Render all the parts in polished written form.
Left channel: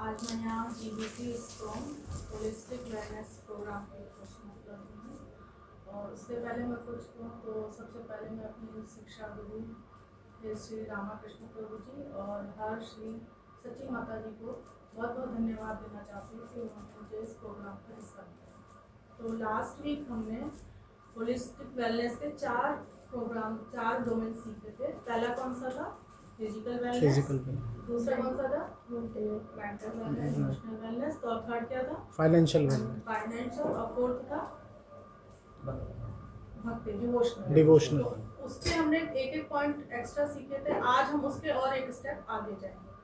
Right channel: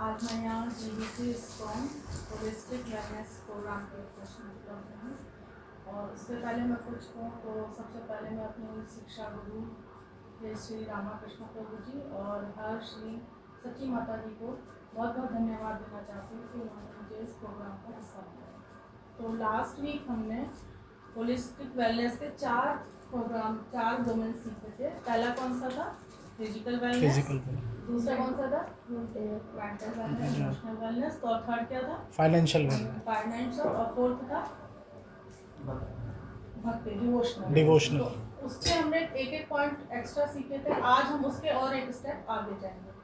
आज मैं यहाँ GBC strong holistic wellness program के प्रश्न कर रही हूँ। और उससे पहले मैं कुछ कहूँ तो सबसे पहले मैं अपने शिक्षा गुरु श्री रामाकृष्ण प्रभु जी और हर श्री सची माता जी को बहुत बहुत धन्यवाद देना चाहती हूँ कि उन्होंने मुझे इस प्रोग्राम का हिस्सा बनाया। तो लास्ट वीक हमने होलिस्टिक वेलनेस के 4 डोमेन सीखे थे। पहला कौन सा था? Physical wellness. दूसरा कौन सा था? Mental wellness, emotional wellness. तो और थर्ड क्या था? Financial wellness. और फोर्थ था भक्ति, डिवोशनल। तो उसके हमने एक पॉइंट एक्स्ट्रा सीखे थे। आज हम उसके और एक स्टेप आगे जाएंगे।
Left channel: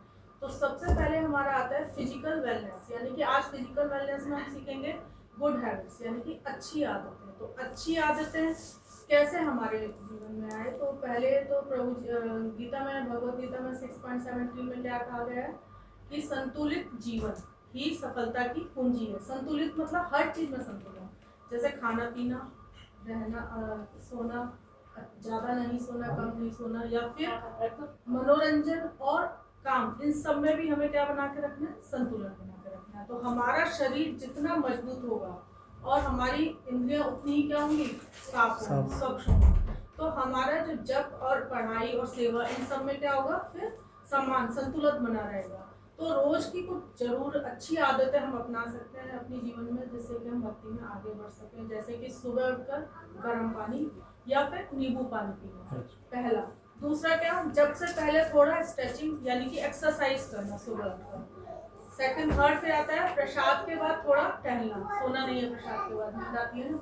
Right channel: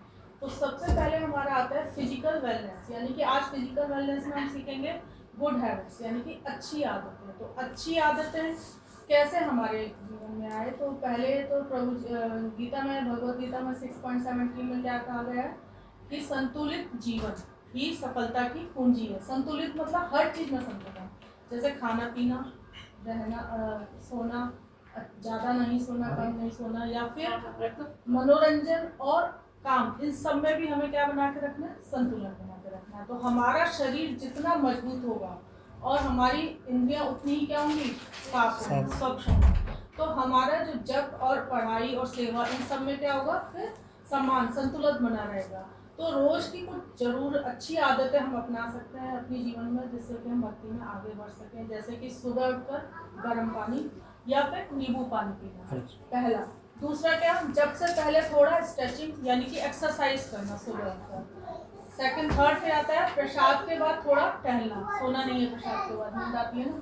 तो सबसे पहले हमारा आता है फिजिकल वेलनेस, यानी कि आज फिजिकल वेलनेस में हम सीखेंगे गुड हैबिट्स, यानी कि अच्छी आदतें। तो अच्छी आदतें कैसे हमारे जीवन में आए? तो पहले तो प्रभु गीता में, भगवत गीता में 6.17 में क्या कहा गया है कि संतुलित जीवन ही सफलता की कुंजी है। संतुलित मतलब हर चीज में संतुलन, जैसे खाना पीना, रहना, सोना, ज़्यादा नहीं सोना, कम नहीं सोना, या फिर मनोरंजन और काम, इन सब में भी हमें क्या बना के रखना है? संतुलन बना के रखना है। तो हमारा शरीर जितना मजबूत होगा और हमारी इंद्रियां उतनी ही क्या होंगी? साफ होंगी, स्वच्छ होंगी। तो हमारा जो जप और पढ़ाई और सेवा, इन सब में क्या होगा? फिर समान संतुलन बना रहेगा। तो रोज की कुछ जरूर अच्छी आदतें हम अपना सकते हैं अपने जीवन में, जिससे कि हम भक्ति में आगे बढ़ सकें। जैसे कि सुबह उठकर गर्म पानी या फिर नींबू पानी पीना, पहला। दूसरा क्या? जब से पहले थोड़ा स्ट्रेचिंग यानी कि एक्सरसाइज करना सुबह उठकर। सेकंड, थर्ड पे आता है प्रसाद के बाद थोड़ा टहलना। सोना नहीं है प्रसाद के बाद, नींद आती है ना।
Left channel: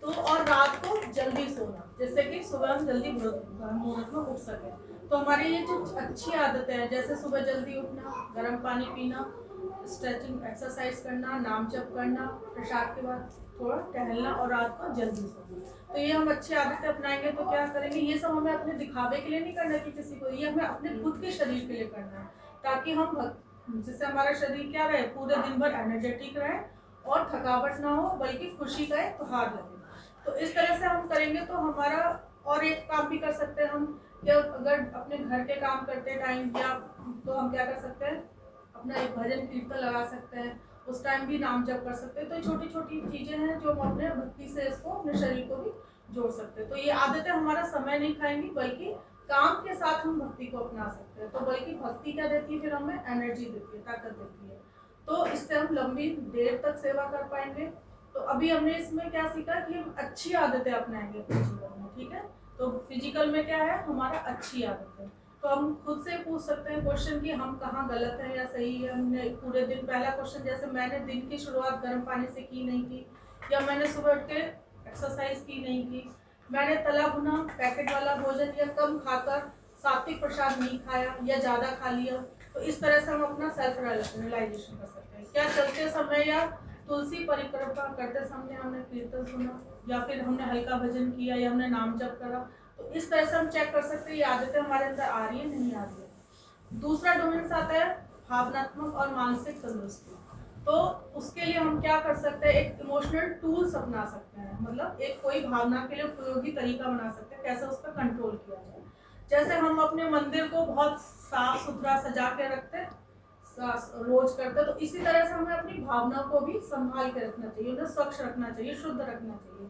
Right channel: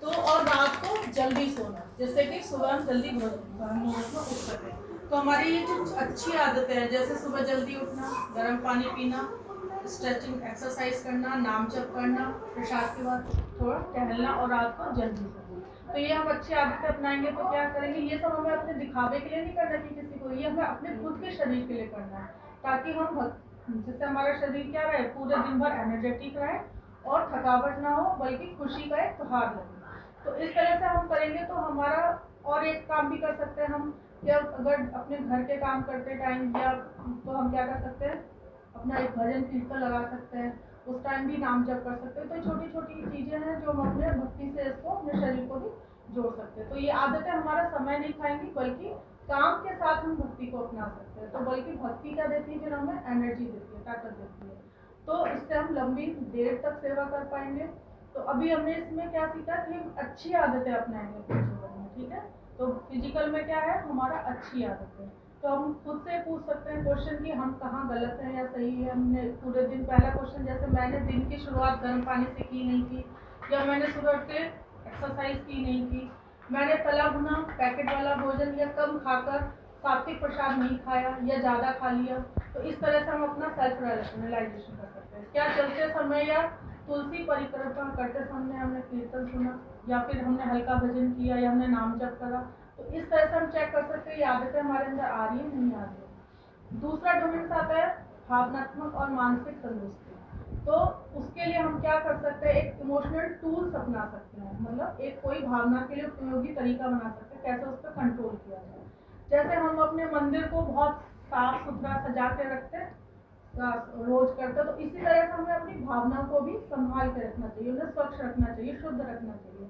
तो और रात को जल्दी सोना, जिससे कि सुबह हम जल्दी मुहूर्त में उठ सके। तो हमारी ये जो अच्छी आदतें हैं, जैसे सुबह जल्दी उठना, गर्म पानी पीना, स्ट्रेचिंग एक्सरसाइज करना, नाम जप करना, प्रसाद के बाद थोड़ा टहलना और रात को जल्दी सोना, तो ये हम अच्छी आदतें अपनाएंगे। तो क्या करेंगे? ये सब हमें अपने दिखावे के लिए नहीं करना कि किसी को, ये हमें अपने खुद के शरीर के लिए करना है, ताकि हम जिससे हमारा शरीर क्या रहे? पूरे दिन भर एनर्जेटिक रहे और थकावट ना हो, बल्कि खुशी का एक त्योहार लगे। तो इस तरह से हम करेंगे तो हमारा और एक काम भी कर सकते हैं हम। जब अगर अपने घर के काम करते टाइम या तो हम क्या कर सकते हैं? अपना एक भजन कीर्तन लगा सकते हैं, उस टाइम भी नाम जप कर सकते हैं। तो छोटी छोटी चीजें हैं जो हम अपने भक्ति से इसको अपने शरीर को भी जोड़ सकते हैं। तो ये आदतें हमारा समय नहीं खाएंगी, बल्कि काम के साथ हम भक्ति को अपना सकते हैं। तो बल्कि भक्ति क्या देती है? फिर हमें एनर्जी देती है, ताकत देती है। तो इससे हम लंबी देर तक सेवा कर पाएंगे। तो अभी हमने इसमें क्या सीखा कि हम अच्छी आदतें अपनाएंगे अपने जीवन में, ठीक है। तो फिजिकल में क्या है? हमारा अच्छी आदतें। तो हम खुद से पूछ सकते हैं क्वेश्चन कि हम कहाँ गलत हैं या सही है। हमने पूरे दिन, पहला क्वेश्चन जैसे मैंने दिन की शुरुआत गर्म पानी से की नहीं की, या मैंने सुबह उठ के एक्सरसाइज की नहीं की, मैंने तला भुना पैकेट वाला भोजन या कम खाकर सात्विक प्रसाद नहीं खाया या ज़्यादा खा लिया। तो इस तरह से हम अपना सेल्फ रियलाइजेशन कर सकते हैं। क्या चलते समय या तुलसी परिक्रमा करते समय हमने कीर्तन सुना, या फिर हमने हल्का भजन किया, या हमने नाम जप करा? तो इस तरह से हम चेक कर सकते हैं ये आदतें हमारे अंदर आ रही है, नहीं आ रही है। दूसरा डोमेन आता है भावनात्मक और मानसिक तंदुरुस्ती। तो उसके लिए हम क्या कर सकते हैं? एक इमोशनल टूल्स अपना सकते हैं, मतलब एक कोई भावना के लिए उपयोगी तरीका बना सकते हैं कैसे उस पर कंट्रोल किया जाए। जैसे हम अपने मंदिर को बहुत साफ सुथरा सजा के रखते हैं, रोज करते, तो इसी तरह से हमें अपनी भावना को भी संभाल के रखना चाहिए, उन्हें स्वच्छ रखना चाहिए, शुद्ध रखना चाहिए।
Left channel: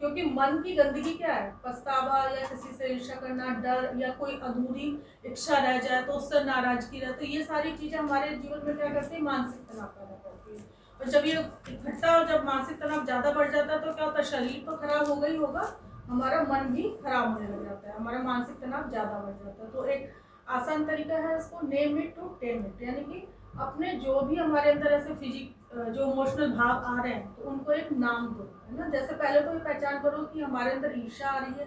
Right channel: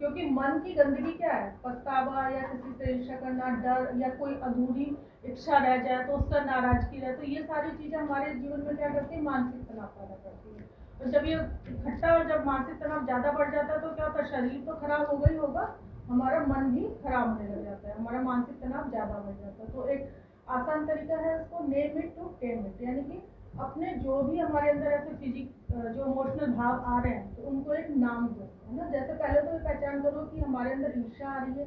क्योंकि मन की गंदगी क्या है? पछतावा या किसी से ईर्ष्या करना, डर, या कोई अधूरी इच्छा रह जाए तो उससे नाराजगी रहे। तो ये सारी चीजें हमारे जीवन में क्या करती है? मानसिक तनाव पैदा करती है। और जब ये इकट्ठा और जब मानसिक तनाव ज्यादा बढ़ जाता है तो क्या होता है? शरीर तो खराब होगा ही होगा, हमारा मन भी खराब होने लग जाता है, हमारा मानसिक तनाव ज्यादा बढ़ जाता है। तो एक आसान तरीका है इसको name it to tame it, यानी कि अपने जो भी हमारे अंदर ऐसे जो इमोशनल भाव आ रहे हैं, तो उनको एक नाम दो, है ना। जैसे पहले तो ये पहचान करो कि हमारे अंदर ईर्ष्या आ रही है,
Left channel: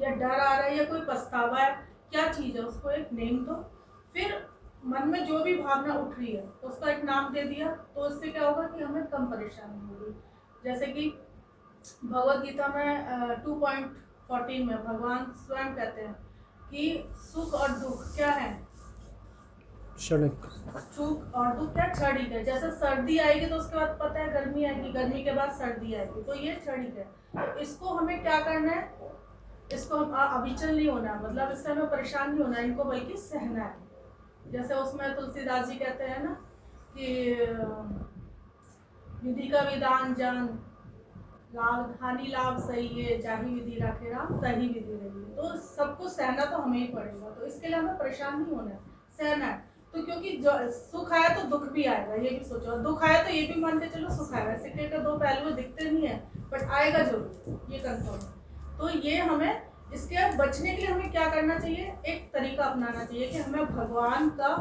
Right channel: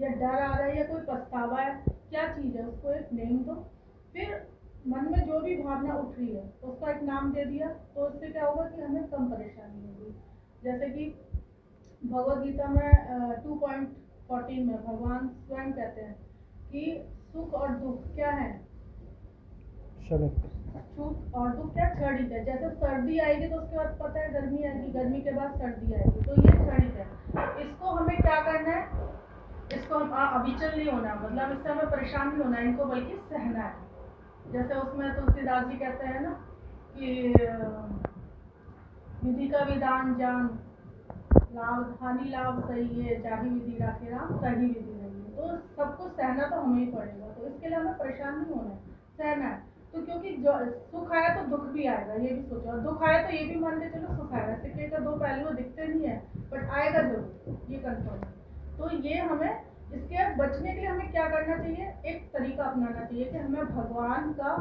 या डर आ रहा है, या कोई पछतावा है, क्या चीज़ है, उसको एक नेम दो। फिर मन में जो भी भावना उठ रही है उसका एक नाम दे दिया, तो उससे क्या होगा कि हमें कम परेशानी होगी। जैसे कि भगवत गीता में 2.14 में भगवान स्वयं कहते हैं कि सुख और दुख क्या है? क्षणिक। सुख और दुख क्या? क्षणिक है। जैसे सर्दी आएगी तो उसके बाद पता है गर्मी आएगी, गर्मी के बाद सर्दी आएगी, तो ये क्षणिक है। इसको हमें क्या करना है? इसको हम अविचल नहीं होना है, मतलब इससे हमें परेशान नहीं होना है, इनको बल्कि सहना है। जैसे उसमें तुलसीदास जी कहते हैं ना कि विधि का विधान जान, लाभ हानि लाभ सही है, जाही विधि राखे राम तही विधि रही है। तो सबको सहना तो हमें ही पड़ेगा, तो इसके लिए हमें परेशान नहीं होना है, सहना है। तो क्योंकि जो सुख आया तो दुख भी आएगा, ये भी सोचो, दुख आया तो ये भी मान के चलो सुख आएगा। सिक्के के दो पहलू दिखते नहीं है, बट आएगा जरूर, ये कंफर्म है। तो ये हमें इसके बचने के लिए हमें क्या करना चाहिए, एक तरीका अपनाना चाहिए कि हमें भगवान का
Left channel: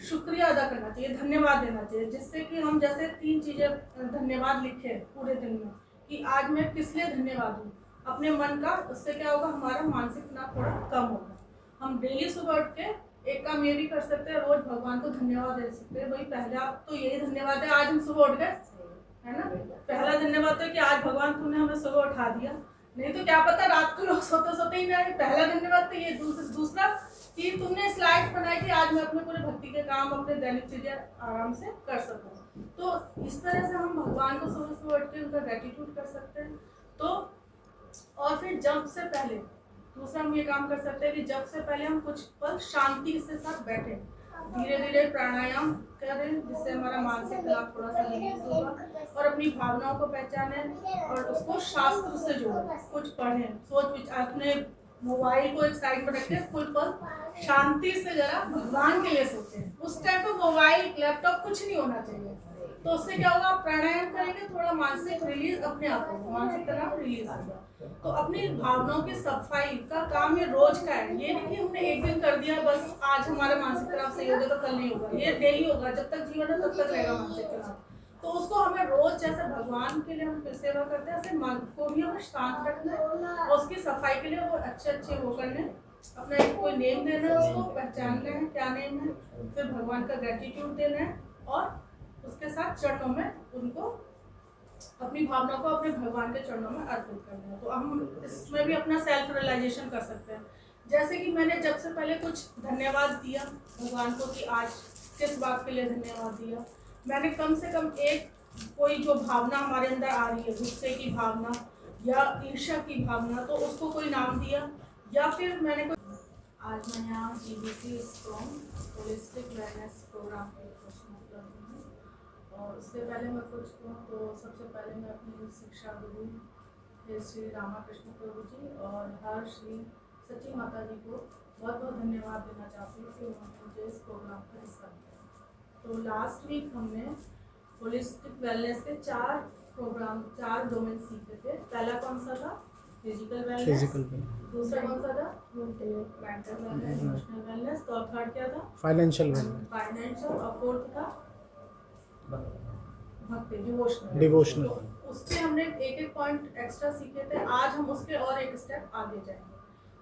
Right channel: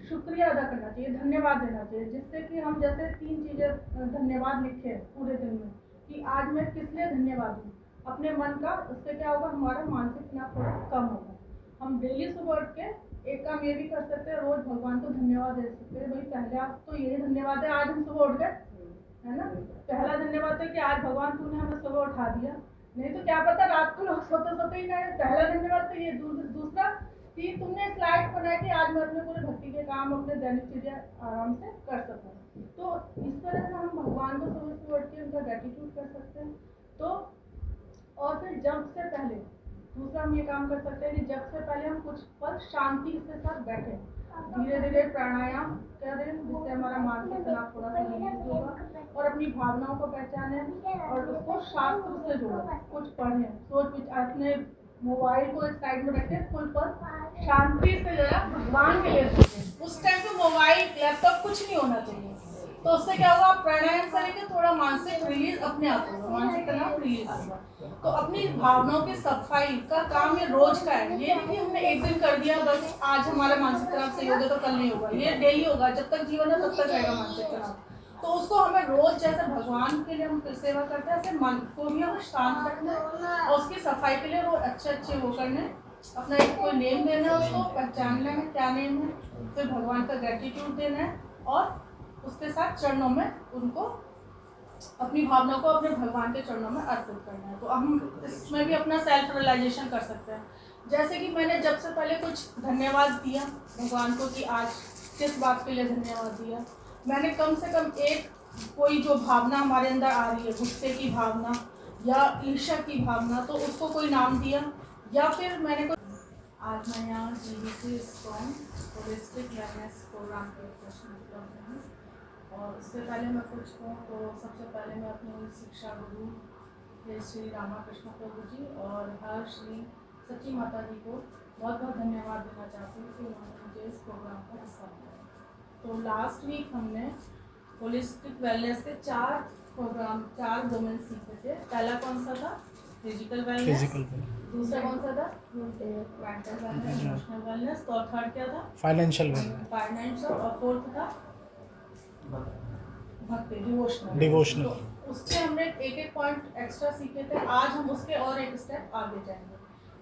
शुक्रिया अदा करना चाहिए, धन्यवाद देना चाहिए। जिससे कि हम जैसे 3 चीजें धन्यवाद लिखे पूरे दिन में कि आज मैं किस लिए धन्यवाद हूँ अपने मन का, उससे क्या होगा, हमारा मानसिक तनाव थोड़ा कम होगा। हम डेली सुबह उठ के एक काम ये भी कर सकते हैं, रोज भगवान को धन्यवाद दे सकते हैं। भाई पहला तो यही धन्यवाद है, आज हम सुबह उठ गए, है ना। पहला धन्यवाद तो कि आज भगवान तूने हमें सुबह उठा दिया, नहीं तो क्या पता रात को लोग सोते सोते ही ना। पहला धन्यवाद तो ये। दूसरा कि तुमने इस लायक बनाया कि आज मैं अपने पूरे भक्ति के काम, अपने दैनिक चीजें आराम से कर सकूं। तो इस तरह से हम भगवान को सुबह सुबह उठ के उनका ग्रेटिट्यूड कर सकते हैं। तो और फिर जब से पहले दूसरा हम ये काम कर सकते हैं कि जब से पहले हम कुछ पल शांति से साथ बैठे, धीरे धीरे प्राणायाम करें, जिससे हमारा मानसिक तनाव थोड़ा सा रिलीज होगा, और अपनी भावनाओं को पहचाने और उसको शास्त्र से जोड़ें, कुछ पढ़ें, सोच विचार, अपने मोबाइल को एक साइड में रखें, कुल पर शांति से जरा भगवान के लिए सोचें। उस टाइम तो मोबाइल लैपटॉप कुछ नहीं होना चाहिए। तो उससे क्या होगा, आप प्राणायाम करेंगे, थोड़ा मानसिक रिलीज अपने आप होगा, मानसिक तनाव रिलीज होगा। तो अपनी भावनाओं की सफाई का काम ये रोज का है। ये नहीं कि हमने एक दिन कर दिया बस आज हमारा मानसिक तनाव सही हो गया तो कल नहीं होगा, ये डेली होगा, जब तक जीवन है तब तक रहेगा मानसिक तनाव। तो उसको हमें रोज, जैसे भगवान के लिए हम सेवा करते हैं, ऐसे मन को भी हमें शांत रखना है, और उसकी सफाई के लिए रोज अच्छे वो करने, अपना एक कोई नेम देना है, उसको पहचानना है क्या नेम है, फिर भगवान का ग्रेटिट्यूड देना है, और उसके साथ चरणों में उनको अपनी भावना को अपने भगवान के चरणों में अर्पित करना है। तो हम इसमें भी अपना सेल्फ रियलाइजेशन कर सकते हैं। जैसे कि मैंने जब से पहले कुछ धन्यवाद दिया भगवान को कि आज किस बात के लिए धन्यवाद दिया, मैंने कम से कम एक कोई जो भावना हमारे अंदर आ रही है, गुस्से की भावना या ईर्ष्या की भावना, तो उसको कोई नाम दिया, या फिर मैंने कोई आज मैं यहाँ GBC strong holistic wellness program के प्रश्न कर रही हूँ। और उससे पहले मैं कुछ कहूँ तो सबसे पहले मैं अपनी शिक्षा गुरु श्री रामाकृष्ण प्रभु जी और हर श्री सच्ची माता जी को बहुत बहुत धन्यवाद देना चाहती हूँ कि उन्होंने मुझे इस प्रोग्राम का हिस्सा बनाया। तो लास्ट वीक हमने होलिस्टिक वेलनेस के 4 डोमेन सीखे थे। पहला कौन सा था, फिजिकल वेलनेस, दूसरा कौन सा था, मेंटल वेलनेस, इमोशनल वेलनेस, तो और थर्ड क्या था, फाइनेंशियल वेलनेस, और फोर्थ था भक्ति, डिवोशनल। तो उसके हमने एक पॉइंट एक्स्ट्रा सीखे थे, आज हम उसके और एक स्टेप आगे जाएंगे।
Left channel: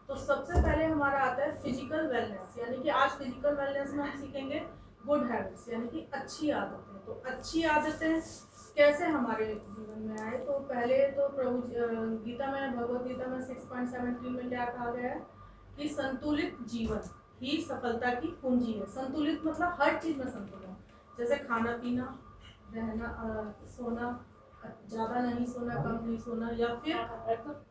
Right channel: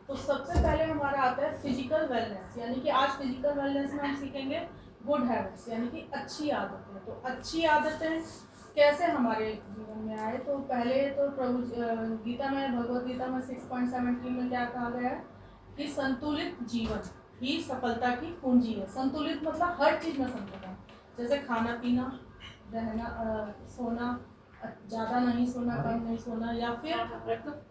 तो सबसे पहले हमारा आता है फिजिकल वेलनेस, यानी कि आज फिजिकल वेलनेस में हम सीखेंगे गुड हैबिट्स, यानी कि अच्छी आदतें। तो अच्छी आदतें कैसे हमारे जीवन में आए, तो पहले तो प्रभु गीता में, भगवत गीता में 6.17 में क्या कहा गया है कि संतुलित जीवन ही सफलता की कुंजी है। संतुलित मतलब हर चीज में संतुलन, जैसे खाना पीना, रहना, सोना, ज़्यादा नहीं सोना, कम नहीं सोना, या फिर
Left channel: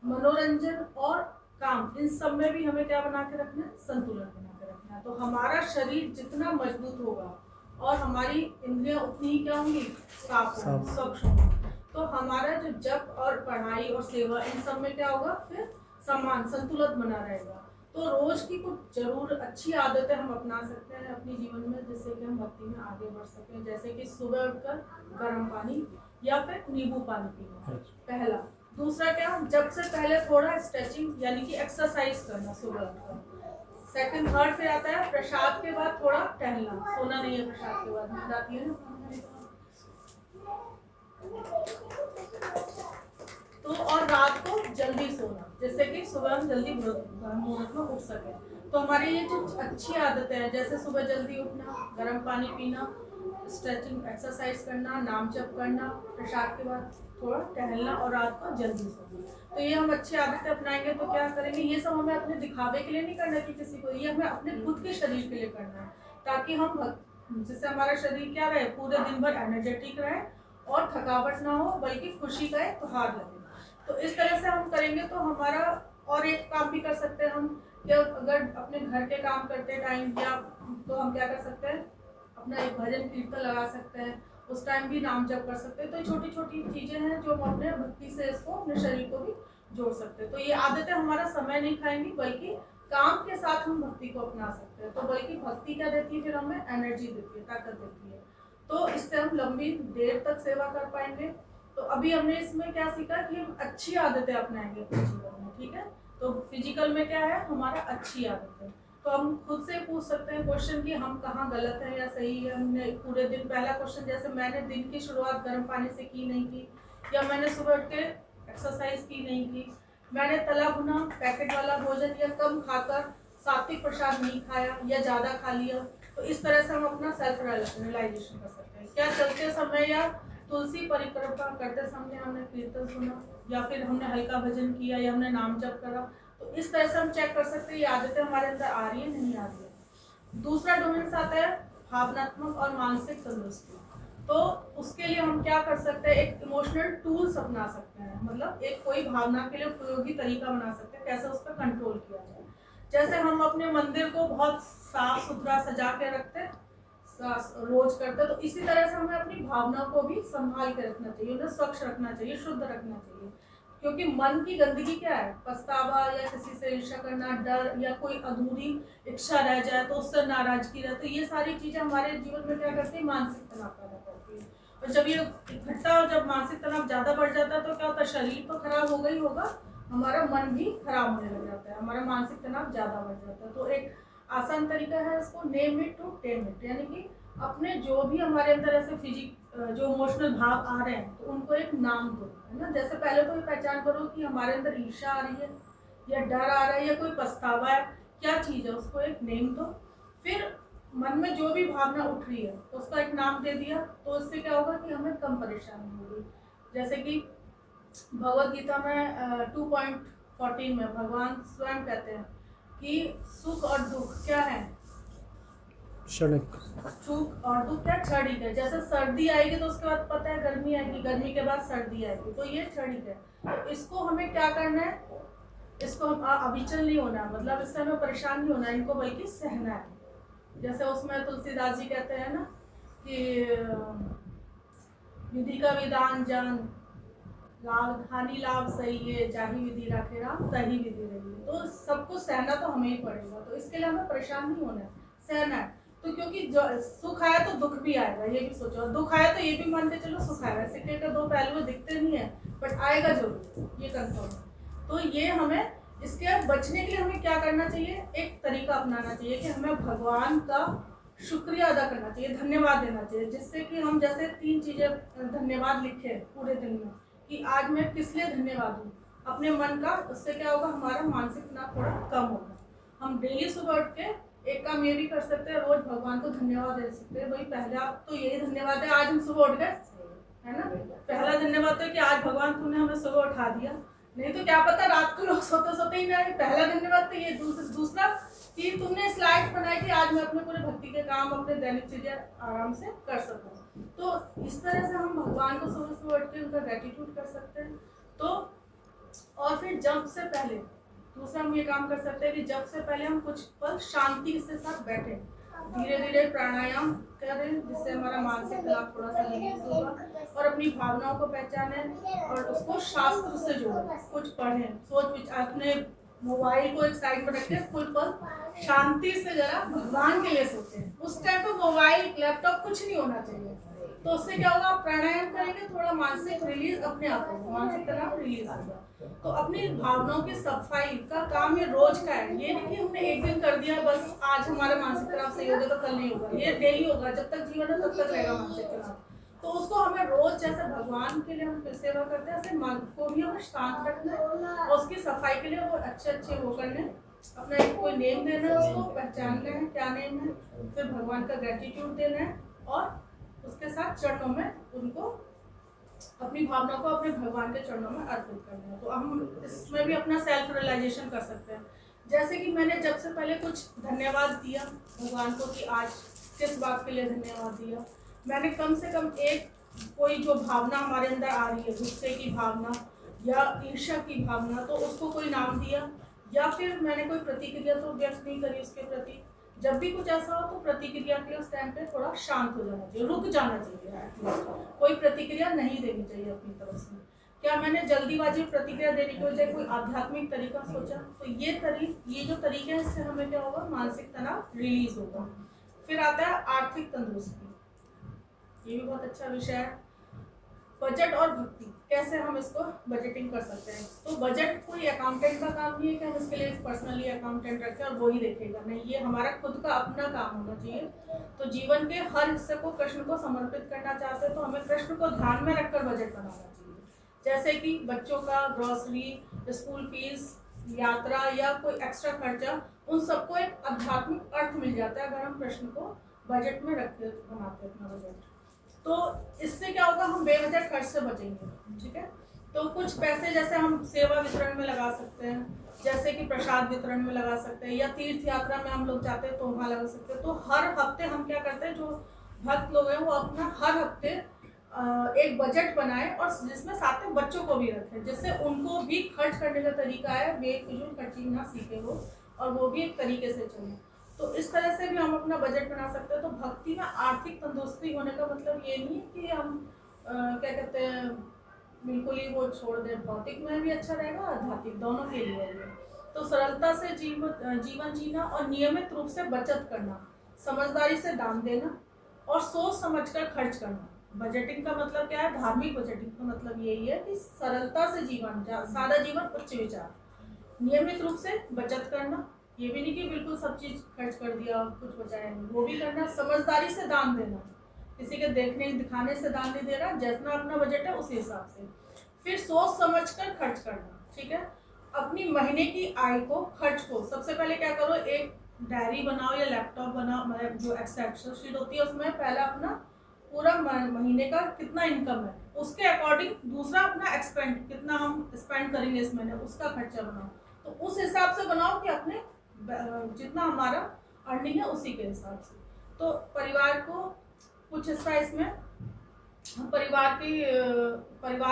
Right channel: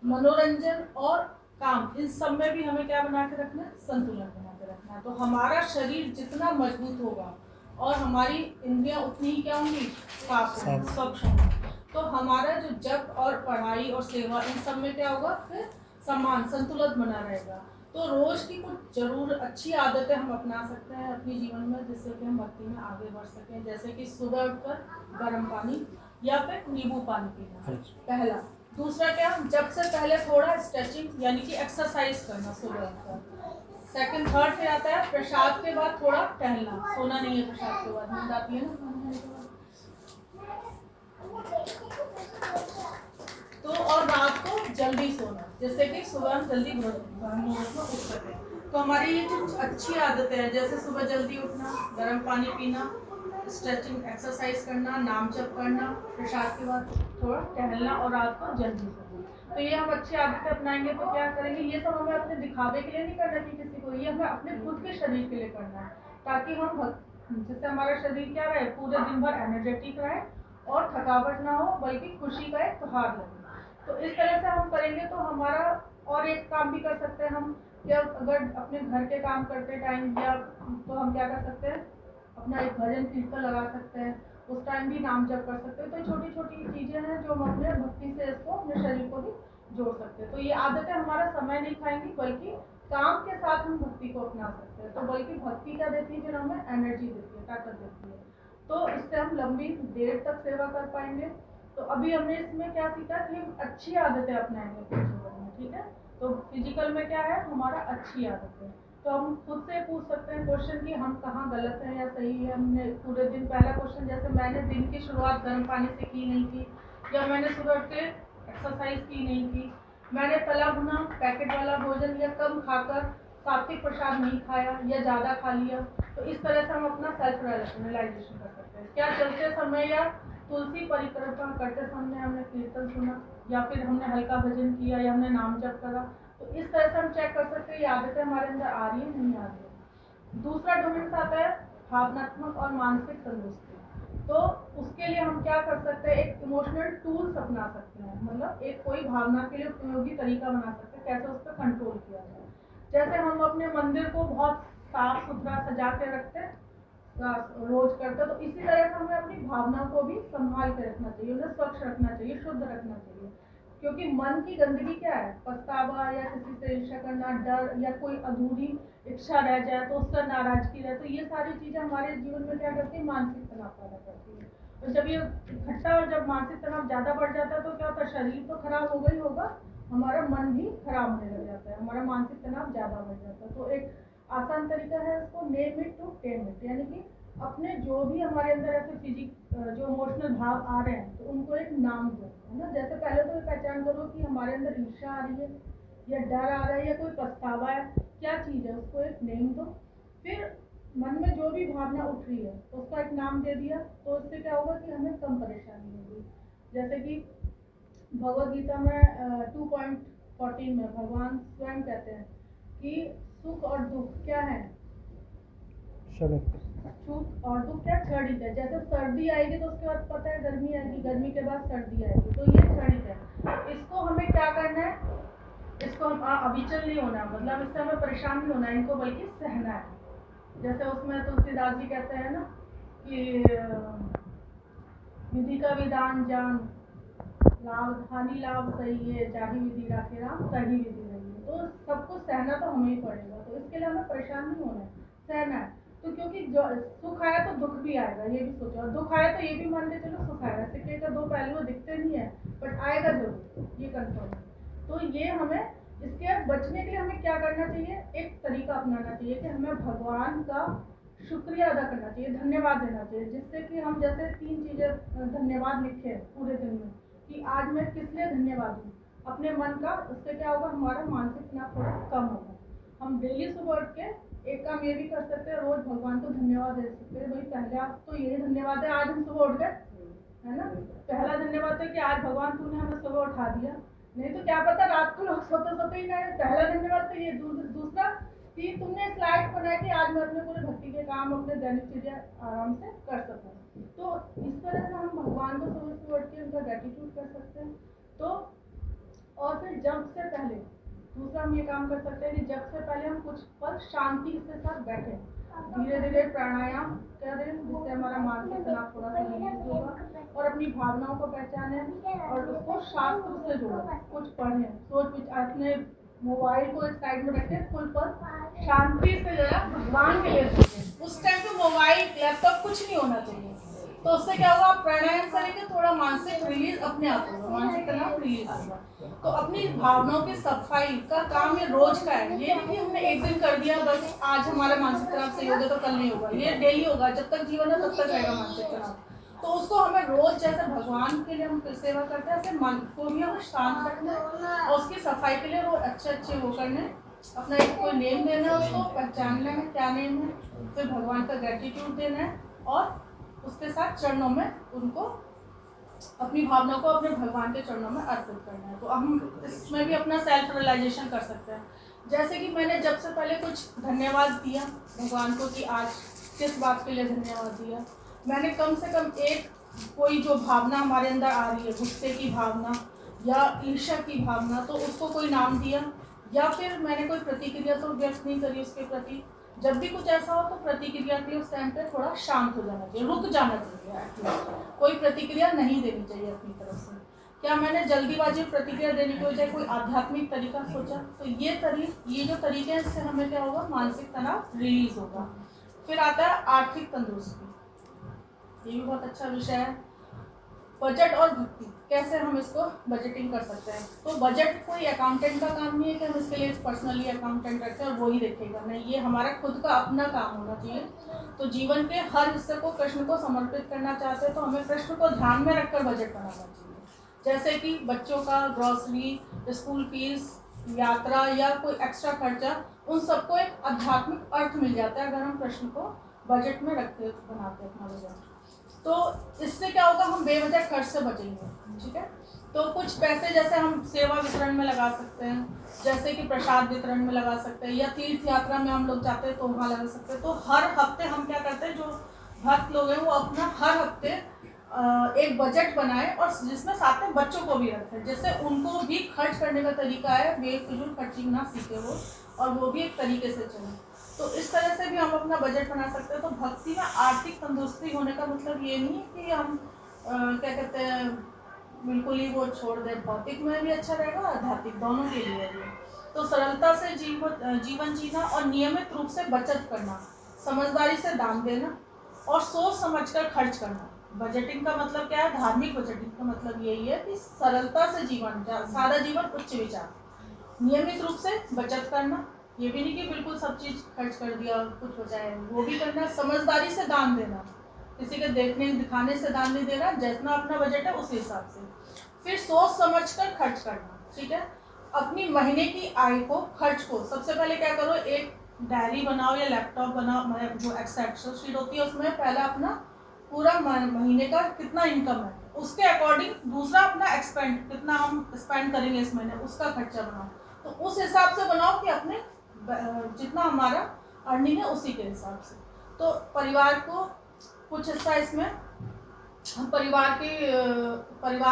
मनोरंजन और काम, इन सब में भी हमें क्या बना के रखना है, संतुलन बना के रखना है। तो हमारा शरीर जितना मजबूत होगा और हमारी इंद्रियां उतनी ही क्या होंगी, साफ होंगी, स्वच्छ होंगी। तो हमारा जो जप और पढ़ाई और सेवा, इन सब में क्या होगा, फिर समान संतुलन बना रहेगा। तो रोज की कुछ जरूर अच्छी आदतें हम अपना सकते हैं अपने जीवन में, जिससे कि हम भक्ति में आगे बढ़ सकें। जैसे कि सुबह उठकर गर्म पानी या फिर नींबू पानी पीना, पहला। दूसरा क्या, जब से पहले थोड़ा स्ट्रेचिंग यानी कि एक्सरसाइज करना सुबह उठकर। सेकंड, थर्ड पे आता है प्रसाद के बाद थोड़ा टहलना, सोना नहीं है प्रसाद के बाद, नींद आती है ना। तो और रात को जल्दी सोना, जिससे कि सुबह हम जल्दी मुहूर्त में उठ सके। तो हमारी ये जो अच्छी आदतें हैं, जैसे सुबह जल्दी उठना, गर्म पानी पीना, स्ट्रेचिंग एक्सरसाइज करना, नाम जप करना, प्रसाद के बाद थोड़ा टहलना और रात को जल्दी सोना, तो ये हम अच्छी आदतें अपनाएंगे तो क्या करेंगे, ये सब हमें अपने दिखावे के लिए नहीं करना कि किसी को, ये हमें अपने खुद के शरीर के लिए करना है, ताकि हम जिससे हमारा शरीर क्या रहे, पूरे दिन भर एनर्जेटिक रहे और थकावट ना हो, बल्कि खुशी का एक त्योहार लगे। तो इस तरह से हम करेंगे तो हमारा और एक काम भी कर सकते हैं हम कि अगर अपने घर के काम करते टाइम या तो हम क्या कर सकते हैं, अपना एक भजन कीर्तन लगा सकते हैं, उस टाइम भी नाम जप कर सकते हैं। तो छोटी छोटी चीज़ें हैं जो हम अपने भक्ति से इसको अपने शरीर को भी जोड़ सकते हैं। तो ये आदतें हमारा समय नहीं खाएंगी, बल्कि काम के साथ हम भक्ति को अपना सकते हैं। तो बल्कि भक्ति क्या देती है, फिर हमें एनर्जी देती है, ताकत देती है। तो इससे हम लंबी देर तक सेवा कर पाएंगे। तो अभी हमने इसमें क्या सीखा कि हम अच्छी आदतें अपनाएंगे अपने जीवन में, ठीक है। तो फिजिकल में क्या है, हमारा अच्छी आदतें। तो हम खुद से पूछ सकते हैं क्वेश्चन कि हम कहाँ गलत हैं या सही है। हमने पूरे दिन, पहला क्वेश्चन जैसे मैंने दिन की शुरुआत गर्म पानी से की नहीं की, या मैंने सुबह उठ के एक्सरसाइज की नहीं की, मैंने तला भुना पैकेट वाला भोजन या कम खाकर सात्विक प्रसाद नहीं खाया या ज़्यादा खा लिया। तो इस तरह से हम अपना सेल्फ रियलाइजेशन कर सकते हैं। क्या चलते समय या तुलसी परिक्रमा करते समय हमने कीर्तन सुना, या फिर हमने हल्का भजन किया, या हमने नाम जप करा। तो इस तरह से हम चेक कर सकते हैं ये आदतें हमारे अंदर आ रही है नहीं आ रही है। दूसरा डोमेन आता है भावनात्मक और मानसिक तंदुरुस्ती। तो उसके लिए हम क्या कर सकते हैं, एक इमोशनल टूल्स अपना सकते हैं, मतलब एक कोई भावना के लिए उपयोगी तरीका बना सकते हैं कैसे उस पर कंट्रोल किया जाए। जैसे हम अपने मंदिर को बहुत साफ सुथरा सजा के रखते हैं, रोज करते हैं, तो इसी तरह से हमें अपनी भावनाओं को भी संभाल के रखना चाहिए, उन्हें स्वच्छ रखना चाहिए, शुद्ध रखना चाहिए। क्योंकि मन की गंदगी क्या है, पछतावा या किसी से ईर्ष्या करना, डर या कोई अधूरी इच्छा रह जाए तो उससे नाराजगी रहे, तो ये सारी चीज़ें हमारे जीवन में क्या करती है, मानसिक तनाव पैदा करती है। और जब ये इकट्ठा और जब मानसिक तनाव ज़्यादा बढ़ जाता है तो क्या होता है, शरीर तो खराब होगा ही होगा, हमारा मन भी खराब होने लग जाता है, हमारा मानसिक तनाव ज़्यादा बढ़ जाता है। तो एक आसान तरीका है इसको, name it to tame it, यानी कि अपने जो भी हमारे अंदर ऐसे जो इमोशनल भाव आ रहे हैं तो उनको एक नाम दो, है ना। जैसे पहले तो ये पहचान करो कि हमारे अंदर ईर्ष्या आ रही है या डर आ रहा है या कोई पछतावा है, क्या चीज़ है, उसको एक नेम दो। फिर मन में जो भी भावना उठ रही है तो उसका एक नाम दे दिया, तो इससे क्या होगा कि हमें कम परेशानी होगी। जैसे कि भगवद गीता में 2.14 में भगवान स्वयं कहते हैं कि सुख और दुख क्या है, क्षणिक। सुख और दुख क्या क्षणिक है। जैसे सर्दी आएगी तो उसके बाद पता है गर्मी आएगी, गर्मी के बाद सर्दी आएगी, तो ये क्षणिक है। इसको हमें क्या करना है, इसको हम अविचल नहीं होना है, मतलब इससे हमें परेशान नहीं होना है, इनको बल्कि सहना है। जैसे उसमें तुलसीदास जी कहते हैं ना कि विधि का विधान जान, लाभ हानि लाभ सही है, जाही विधि राखे राम तही विधि रही है। तो सबको सहना तो हमें ही पड़ेगा, तो इसके लिए हमें परेशान नहीं होना है, सहना है। तो क्योंकि जो सुख आया तो दुख भी आएगा, ये भी सोचो, दुख आया तो ये भी मान के चलो सुख आएगा। सिक्के के दो पहलू दिखते नहीं है बट आएगा जरूर, ये कंफर्म है। तो ये हमें इसके बचने के लिए हमें क्या करना चाहिए, एक तरीका अपनाना चाहिए कि हमें भगवान का शुक्रिया अदा करना चाहिए, धन्यवाद देना चाहिए। जिससे कि हम जैसे 3 चीज़ें धन्यवाद लिखे पूरे दिन में कि आज मैं किस लिए धन्यवाद दूँ, अपने मन का, उससे क्या होगा, हमारा मानसिक तनाव थोड़ा कम होगा। हम डेली सुबह उठ के एक काम ये भी कर सकते हैं, रोज भगवान को धन्यवाद दे सकते हैं। भाई पहला तो यही धन्यवाद है, आज हम सुबह उठ गए, है ना। पहला धन्यवाद है कि आज भगवान तूने हमें सुबह उठा दिया, नहीं तो क्या पता रात को लोग सोते सोते ही ना। पहला धन्यवाद तो ये। दूसरा कि तुमने इस लायक बनाया कि आज मैं अपने पूरे भक्ति के काम, अपने दैनिक चीजें आराम से कर सकूं। तो इस तरह से हम भगवान को सुबह सुबह उठ के उनका ग्रेटिट्यूड कर सकते हैं। तो और फिर जब से पहले दूसरा हम ये काम कर सकते हैं कि जब से पहले हम कुछ पल शांति के साथ बैठे, धीरे धीरे प्राणायाम करें, जिससे हमारा मानसिक तनाव थोड़ा सा रिलीज होगा, और अपनी भावनाओं को पहचानें और उसको शास्त्र से जोड़ें, कुछ पढ़ें, सोच विचार, अपने मोबाइल को एक साइड में रखें, कुछ पल शांति से जरा भगवान के लिए सोचें। उस टाइम पे मोबाइल लैपटॉप कुछ नहीं होना चाहिए। तो उससे क्या होगा, आप प्राणायाम करेंगे, थोड़ा मानसिक रिलीज अपने आप होगा, मानसिक तनाव रिलीज होगा। तो अपनी भावनाओं की सफाई का काम ये रोज का है, ये नहीं कि हमने एक दिन कर दिया बस आज हमारा मानसिक तनाव सही हो गया तो कल नहीं होगा, ये डेली होगा, जब तक जीवन है तब तक रहेगा मानसिक तनाव। तो उसको हमें रोज, जैसे भगवान के लिए हम सेवा करते हैं, ऐसे मन को भी हमें शांत रखना है, और उसकी सफाई के लिए वो अच्छे वो करने, अपना एक कोई नेम देना है, उसको पहचान लेना क्या नेम है, फिर भगवान का ग्रेटिट्यूड देना है, और उसके साथ चरणों में उनको, अपनी भावनाओं को अपने भगवान के चरणों में अर्पित करना है। तो हम इसमें भी अपना सेल्फ रियलाइजेशन कर सकते हैं। जैसे कि मैंने जब से पहले कुछ धन्यवाद दिया भगवान को कि आज किस बात के लिए धन्यवाद दिया, मैंने कम से कम एक कोई जो भावना हमारे अंदर आ रही है, गुस्से की भावना या ईर्ष्या की भावना, तो उसको कोई नाम दिया, या फिर मैंने कोई प्रतिक्रिया तो व्यक्त नहीं करी उसके प्रति। जब भी कुछ ऐसा हो तो प्रतिक्रिया के लिए उस टाइम पे थोड़ा शांत हो जाना चाहिए, रुक जाना चाहिए एटलीस्ट, कोई प्रतिक्रिया नहीं देनी चाहिए अपनी तरफ से। क्या मैंने जल्दीबाजी में प्रतिक्रिया देने की बजाय कोई आध्यात्मिक तरीका सोचा, तो ये जो तरीके हैं इससे हमें क्या होगा, मानसिक तनाव रिलीज होगा। फिर आता है आर्थिक तंदुरुस्ती, ये भी बहुत अच्छा विषय है। बजट और भक्ति, कैसे हम इसको बजटिंग कर सकते हैं। तो बजट कोई अकाउंटेंट का काम नहीं है कि हम इसके लिए पर्सनली अकाउंटेंट रखें और वो ही देखेगा, नहीं, ये हमारा खुद का अपना काम होना चाहिए। तो जीवन के हर हिस्से को कृष्ण को समर्पित करना चाहते हैं तो हमें कृष्ण को ध्यान में रखकर बजट बनाना चाहिए। जैसे कि बच्चों का ग्रॉसरी, स्कूल फीस, यात्रा या कोई एक्स्ट्रा खर्चा, उन सबको एक आध्यात्मिक अर्थ मिल जाता है अगर हम कृष्ण को बजट में रख के बनाते हैं अपना बजट। तो इससे क्या होगा, हम बेवजह खर्च से बचेंगे। ठीक है, तो कुछ पैसे जैसे हम सेवा वितरण में लगा सकते हैं, जैसे कि प्रसाद वितरण में लगा सकते हैं, या तीर्थ यात्रा में हम लोग जाते हैं तो वहाँ लगा सकते हैं। तो हर हफ्ते हम क्या करते हैं, जो भक्त लोग हैं वो अपना हर हफ्ते एक बजट बनाए और जिसमें साथ में बच्चों को भी रखें, जिससे उनको भी खर्च करने का तरीका है, बेफिजूल खर्चिंग ना सीखे वो, और वो भी एक तरीके से चले। तो इस तरह से भी हम अपना बजट बना सकते हैं। तो भक्ति में आर्थिक तंदुरुस्ती होने का मतलब ये नहीं है कि हम क्या कहते हैं, बिल्कुल ही वो छोड़ दें, भौतिक में भी अच्छा रहेगा, आध्यात्मिक, दोनों के लिए है ये। तो सरलता से जीवन जीना और नियमित रूप से बचत करना, समझदारी से दान देना और सोच समझकर खर्च करना। बजटिंग का मतलब क्या है, धार्मिक बजटिंग का मतलब यही है कि सरलता से जीवन, सादा जीवन, उच्च विचार, नियमित रूप से बचत करना, ये भी नहीं कि बिल्कुल सब चीज खर्च कर दिया कुछ बचाया, वो भी करना, समझदारी से दान देना, किसी के देखने दिखाने से दान नहीं देना, जितना अपना बजट है उसी हिसाब से। फिर सोच समझकर खर्च करना। ठीक है, अपनी महीने की आय को, खर्च को, सबसे पहले क्या करो, एक डायरी बनाओ या लैपटॉप बनाओ, मतलब जो एक्सेल शीट होती है उसमें पहला अपना पूरा महीने का कितना इनकम है, उसके अकॉर्डिंग दूसरा अपना एक्सपेंड, कितना हम स्पेंड करेंगे इस महीने, उसका खर्चा बनाओ। तो उस हिसाब से बनाओ कि अपने जितना हमारा अर्निंग है उसी के हिसाब से। तो परिवार को कुछ हिस्सा इसमें हम परिवार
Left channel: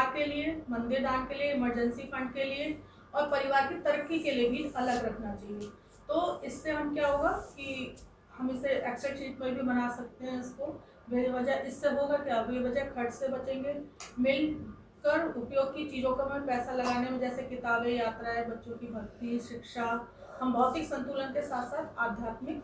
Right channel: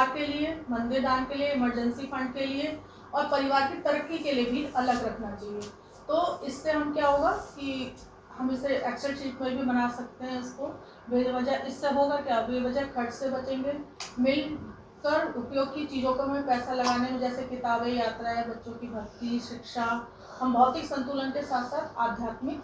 के लिए, मंदिर दान के लिए, इमरजेंसी फंड के लिए और परिवार की तरक्की के लिए भी अलग रखना चाहिए। तो इससे हम क्या होगा कि हम इसे एक्सेल शीट में भी बना सकते हैं इसको। बेवजह इससे होगा क्या, बेवजह खर्च से बचेंगे। मिलकर उपयोग की चीज़ों को हमें पैसा लगाने में, जैसे किताबें, यात्राएं, बच्चों की भक्ति, शिक्षा, हम भौतिक संतुलन के साथ साथ आध्यात्मिक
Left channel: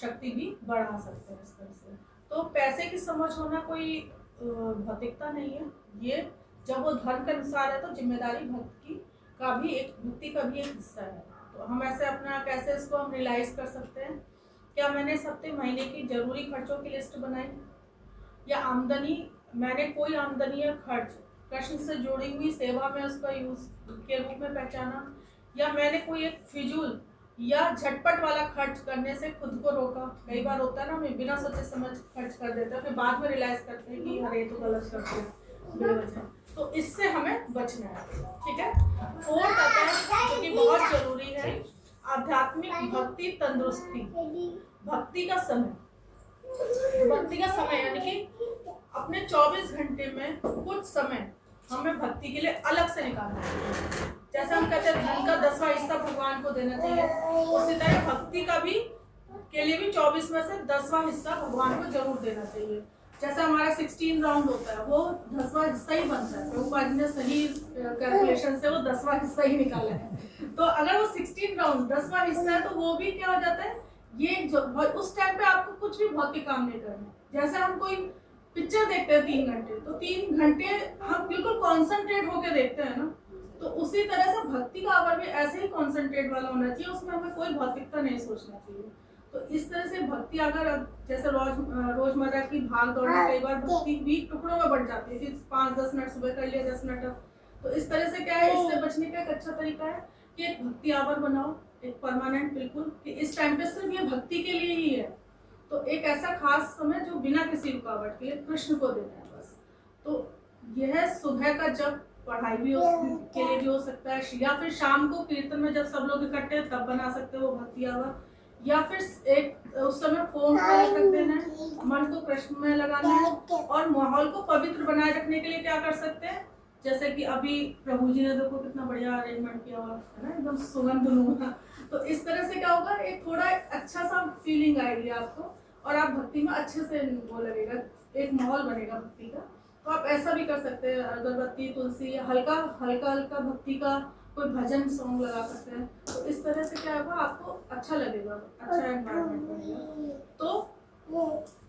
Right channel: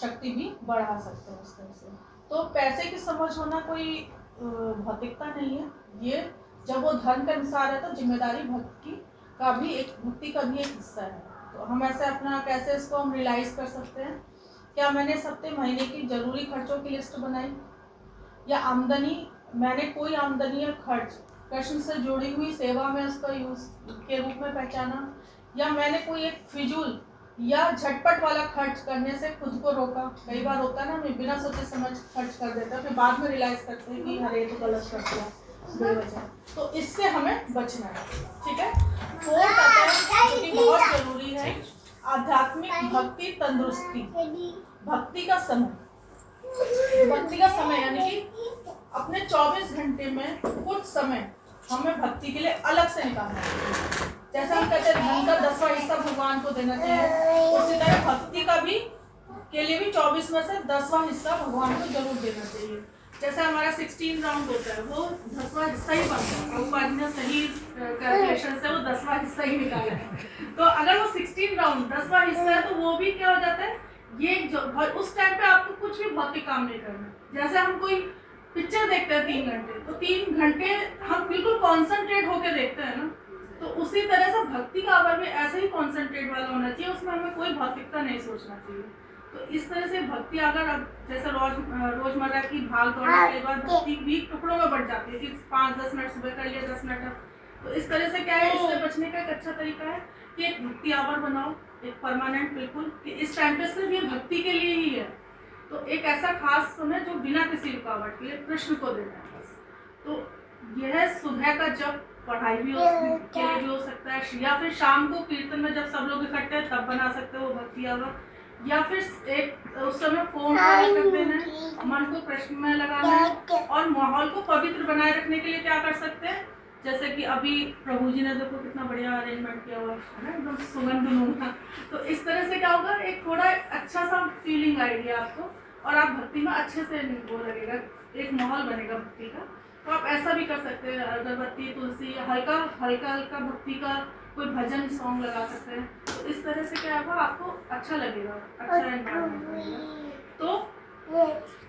शक्ति भी बढ़ा सकते हैं इस तरह से। तो पैसे की समझ होना कोई भौतिकता नहीं है, ये जब वो धर्म के अनुसार है तो जिम्मेदारी भक्ति का भी एक हिस्सा है। तो हम ऐसे अपना कैसे इसको हम रियलाइज कर सकते हैं। क्या मैंने इस हफ्ते महीने की जरूरी खर्चों की लिस्ट बनाई, या आमदनी, मैंने कोई आमदनी या खर्च कृष्ण से जुड़ी हुई सेवा में उसका यूज के रूप में पहचाना, या मैंने कोई एक फिजूल या झटपट वाला खर्च करने से खुद को रोका। कई बार होता है ना, मैं बिना सोचे समझ खर्च कर देता है, फिर बाद में रियलाइज करते हैं कि अरे तो गलत कर दिया बेवजह। तो इससे हमें बचना है। ठीक है, फोर्थ आता है जो कि बहुत जरूरी है, आध्यात्मिक भक्ति तंदुरुस्ती। भक्ति का समय यानी कि अपने 24 घंटे में कुछ समय हमें भक्ति के लिए अलग से निकालना चाहिए। जैसे हम कहते हैं धन का 10वां हिस्सा भगवान को देना चाहिए, उसी तरह भक्ति का भी के लिए भी 24 में से 10वां हिस्सा भगवान को जरूर देना चाहिए। जैसा हमारा 16 राउंड होता है वो 10वां हिस्सा ही बनता है, प्रभुपाद ने सही कैलकुलेशन से वो 10वां हिस्सा ही निकाला है। तो अगर वो 16 राउंड 10वां हिस्सा है तो वो भी क्या हो जाता है, ये जो उस टाइम पे आपको कुछ भी भौतिक काम नहीं करना। जैसे हम कोई पिक्चर देखते हैं 3 घंटे, तो 3 घंटे हम बिल्कुल कॉन्सेंट्रेट होकर देखते हैं ना, तो उसी तरह से भक्ति का आवर भी ऐसे ही कॉन्सेंट्रेट वाला होना चाहिए, उसमें हमें कोई भौतिकता नहीं सोचना चाहिए। तो इस तरह से भक्ति अगर अब जैसे रोजमर्रा की भाग दौड़ में कई बार भक्ति भी टुकड़ों में बढ़ जाती है कि 5-10 मिनट सुबह कर लिया, 10 मिनट। तो इस तरह से क्या है, इससे बचने का एक अच्छा तरीका है कि एक भक्ति आवर बनाओ, एक परमानेंट, बिल्कुल कि इस टाइम पे सिर्फ ये भक्ति के लिए ही है। तो एक ऐसा खास समय जो बिना किसी रुकावट के कृष्ण को देना है बस। तो यह सुबह का जब पढ़ाई भी के लिए भी हो सकता है, या फिर शाम को कीर्तन में जब सब लोग इकट्ठे तब बना सकते हो भक्ति आवर, या फिर एक उस समय फोन कर देना है, मन को कृष्ण में लगाना है। और माहौल को पवित्र बनाए रखने के लिए क्या कर सकते हैं, जैसे कि अभी प्रभु जी ने देखो कितना बढ़िया अरेंजमेंट किया हुआ है ना, एकदम सुगंध लूंगा। तो इस तरह से क्या होगा, एक थोड़ा अच्छा सा फीलिंग आएगी आपको और आप भक्ति में अच्छे से वो लगेगा, एक माहौल बनेगा भक्ति का। तो आप ऐसा भी कर सकते हैं, अगरबत्ती, तुलसी, हल्का हल्का हल्का भक्ति का कोई भजन सॉन्ग लगा सकते हैं। तो इस तरह से क्या होगा, आपको अच्छा लगेगा, अच्छा एनवायरनमेंट बनेगा। तो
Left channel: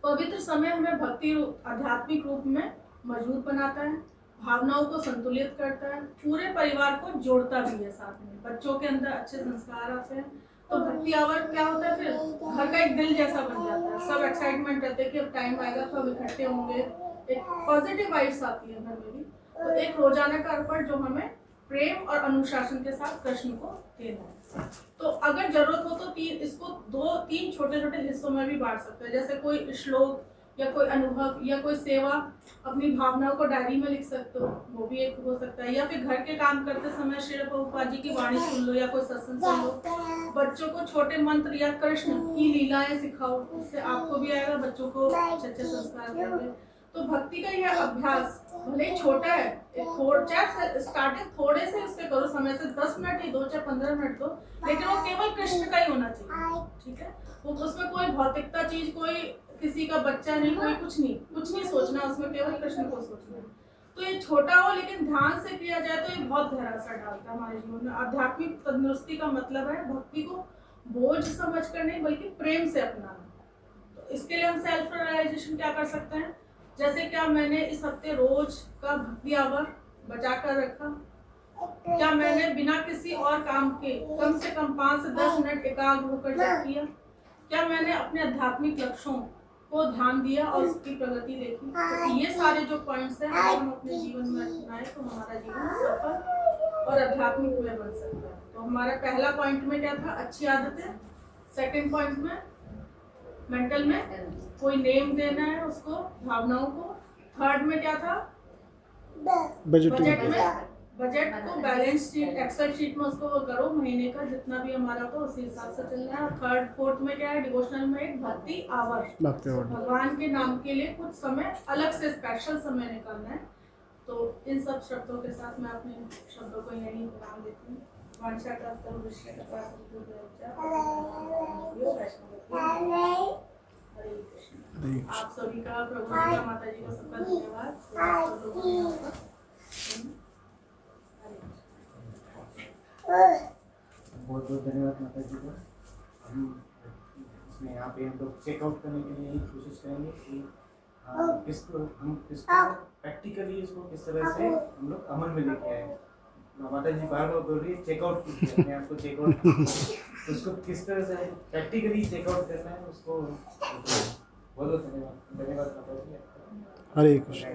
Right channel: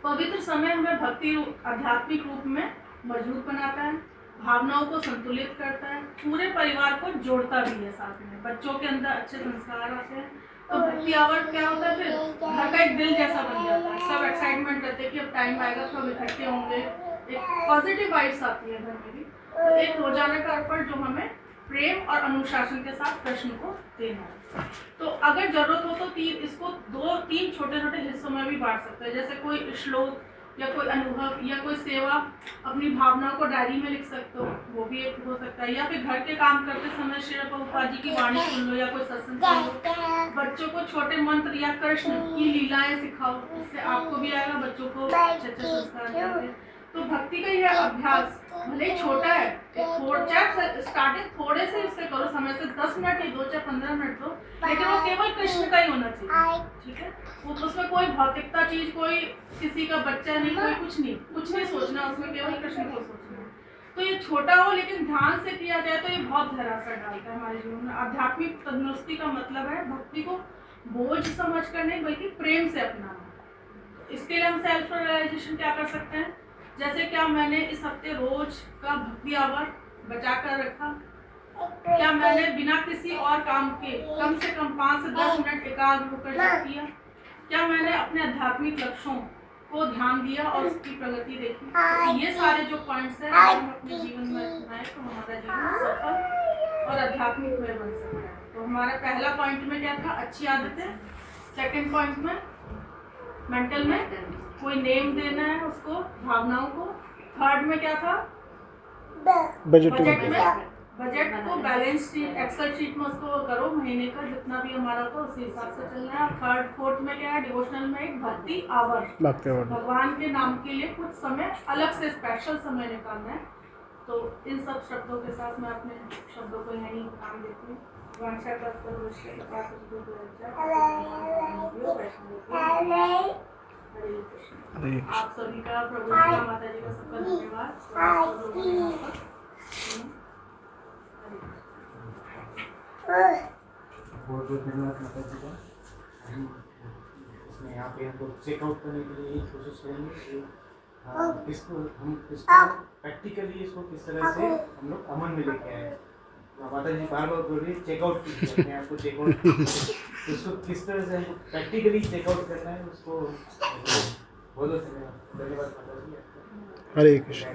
पवित्र समय हमें भक्ति आध्यात्मिक रूप में मजबूत बनाता है, भावनाओं को संतुलित करता है, पूरे परिवार को जोड़ता भी है साथ में, बच्चों के अंदर अच्छे संस्कार आते हैं। तो भक्ति आवर क्या होता है, फिर घर का एक दिल जैसा बन जाता है, सब एक्साइटमेंट रहते हैं कि अब टाइम आएगा तो हम इकट्ठे होंगे, एक पॉजिटिव वाइब्स आती है घर में भी। तो एक रोजाना का अर्पण जो हमें प्रेम और अनुशासन के साथ कृष्ण को देना है। तो अगर जरूरत हो तो इसको 2-3 छोटे छोटे हिस्सों में भी बांट सकते हैं, जैसे कोई श्लोक या कोई अनुभव या कोई सेवा, अपनी भावनाओं को डायरी में लिख सकते हो, वो भी एक हो सकता है। या फिर घर के काम करते समय श्री प्रभुपाद जी की वाणी सुन लो या कोई सत्संग सुन लो। बच्चों को छोटे मंत्र या कृष्ण की लीलाएं सिखाओ, इससे आपको भी आएगा, बच्चों को अच्छे अच्छे संस्कार देंगे। तो भक्ति का यह अभ्यास भले ही छोटा है, चाहे स्टार्टिंग थोड़े से इससे करो, समय से 10 मिनट ही दो, चाहे 15 मिनट दो, लेकिन वो केवल कृष्ण का ही होना चाहिए, ठीक है। वो उसमें कोई भौतिकता चीज, कोई किसी का बच्चा नहीं, कोई कुछ नहीं सोचना उसमें, केवल कृष्ण को सोचना। तो ये छोटा हो लेकिन ध्यान से किया जाए तो ये बहुत गहरा असर डालता है हमारे जीवन में। आध्यात्मिक तंदुरुस्ती का मतलब है भक्ति को बोझ समझ कर नहीं बल्कि प्रेम से अपनाना। इसके लिए हम सेल्फ रियलाइजेशन क्या कर सकते हैं, जैसे क्या मैंने इस हफ्ते रोज का भक्ति आवर बचा कर रखा, क्या मैंने बिना किसी और काम के कम से कम 5 से 10 मिनट एकाग्र होकर जप किया, क्या मैंने अपने आध्यात्मिक लक्ष्यों को ध्यान दिया और उसकी प्रगति देखी। तो ये सारे जो पॉइंट्स हैं अगर हम अपने जीवन में अपनाएं तो हमारा जीवन सफल और आध्यात्मिक में बन सकता है। तो हमारा पहला पॉइंट में क्या था, अच्छी आदतें। सेकंड पॉइंट में मेंटल में कोई नेम देना है उसको, भावनाओं को। थर्ड में क्या था, बजट में बजट को बैलेंस शीट, एक्सेल शीट में उसको करो, महीने का जितना भी हमारा तो उसी हिसाब से चलना है। थर्ड फोर्थ में क्या है, डिवोशनल में एक भक्ति आवर, भगवान के नाम के लिए कुछ समय अलग से स्पेशल समय निकालना है। तो इन सब शब्दों के साथ मैं अपने शब्दों को यहीं काम देती हूँ। आप सभी का, प्रभु का, माता जी का सबका धन्यवाद। बहुत बहुत धन्यवाद माता जी का। हम इसमें यहाँ पे हम लोग चेकआउट करने के लिए कोशिश करेंगे कि इसको प्रैक्टिकली इसको किस तरह से हम लोग अमल में लेके आए। माता जी बार बार बोल रही है चेकआउट कीजिए, अपने आप को चेकआउट तो उसको किस तरह से प्रैक्टिकली चेकआउट करना है उसको बहुत धन्यवाद माता जी। हरे कृष्ण।